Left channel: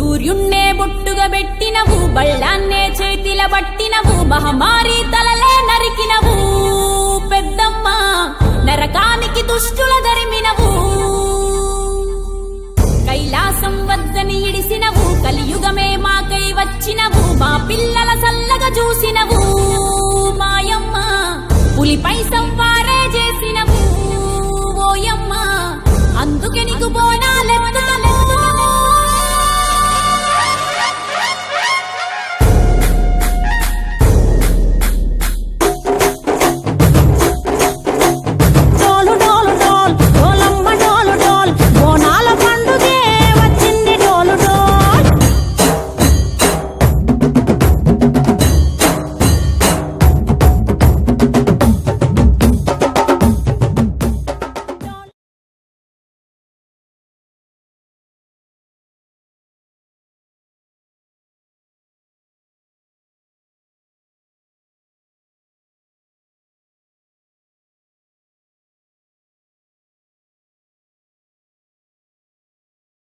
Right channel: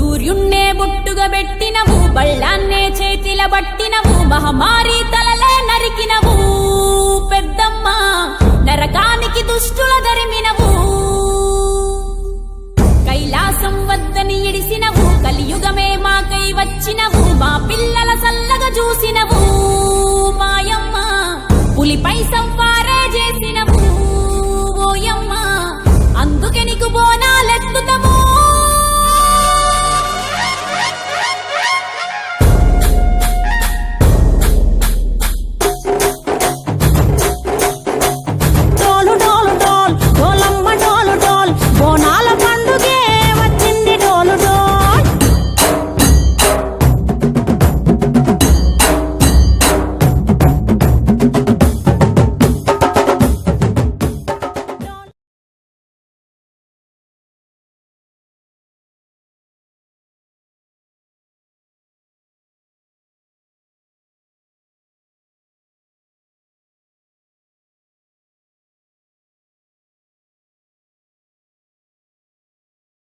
సూర్యున్నే బొట్టుగా పెట్టినవు, బళ్ళాన్నే చేతిల బట్టినవు, మహమారి తలలే నరికినవు పెద్దమ్మ, నరకానికి దుష్టుల దరిమినవు. కైలాసం వద్దని ఇడిసినవు, కలియుగమే మాకై వచ్చినవు, మా పిల్లల సల్లగా చూసినవు మాయమ్మ. పులిపై సవ్వారి